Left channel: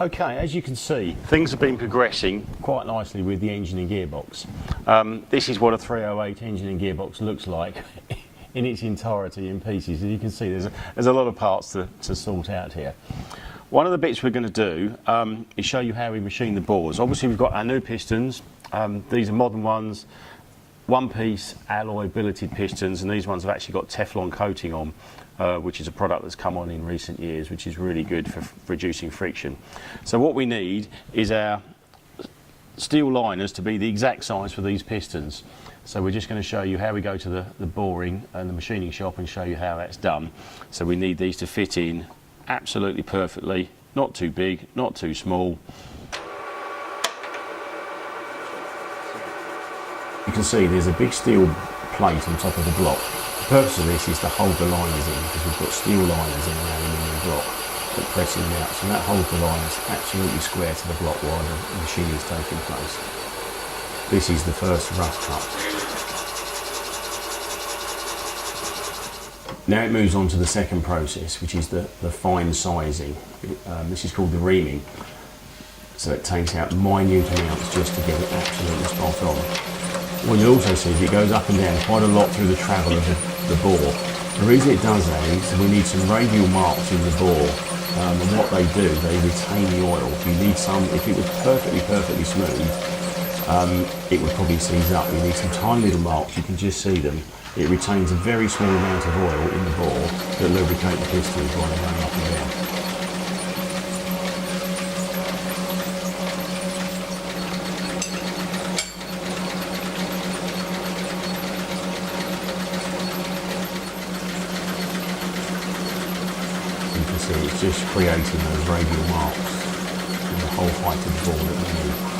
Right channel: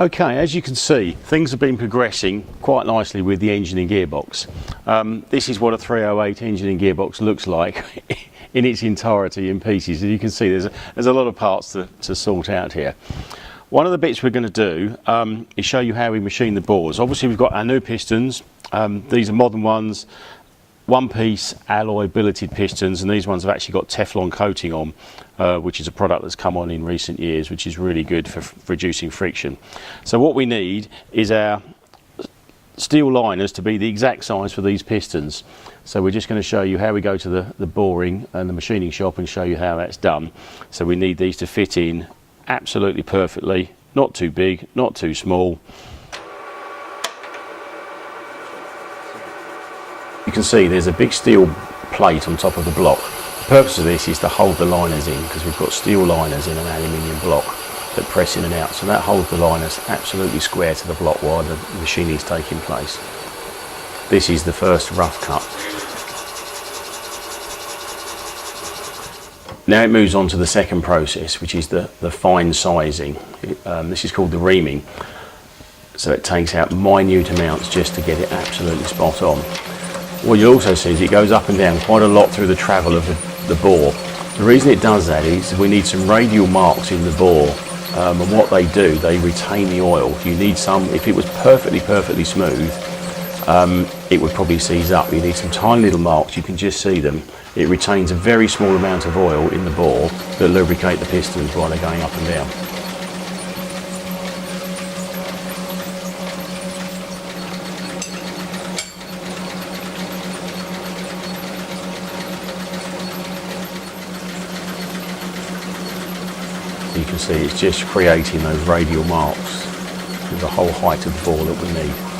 Okay, as you can see, things have been progressing quite nicely with the engine and gearbox. This is what a 308 engine and gearbox looks like in its entirety in pieces. As you can see, there's a lot of parts to sort out here. One of the bits we're going to do is show you how we machine the bores. Obviously we've got our new pistons. These are modern ones, one-piece alloy billeted pistons, and these ones have actually got Teflon coating on, which is a product that's come on in recent years, which is really good for reducing friction. So what we need is our steel liners to be the exact size for these pistons. So we're just going to show you how we go to the boring and the machining shop and show you how that's done. So we need these to fit in absolutely perfectly, not too big, not too small. You can see there's a big steel plate on top of the block. The purpose of this is to hold the liners in, because we've got steel liners in an aluminium block that press in and out, so that holds the liners absolutely square to the block while the machining is taking place. This is the first rough cut. Now it moves on to the second process, which is the fine sizing. This is called the reaming. So it takes out minute amounts just to get it absolutely spot on. What you'll also see is it goes up and down quite a lot through the travel of the bore. The reason it does that is we need some radial marks in the bore, and what they do, they retain the oil. You need some, if it was perfectly smooth, it would probably seize up. You need some tiny little marks, you can just see them. It retains a very small amount of oil in the bore that lubricate the pistons while they're going up and down. You can see it's just creating those radial marks with the whole height of the bore that we need.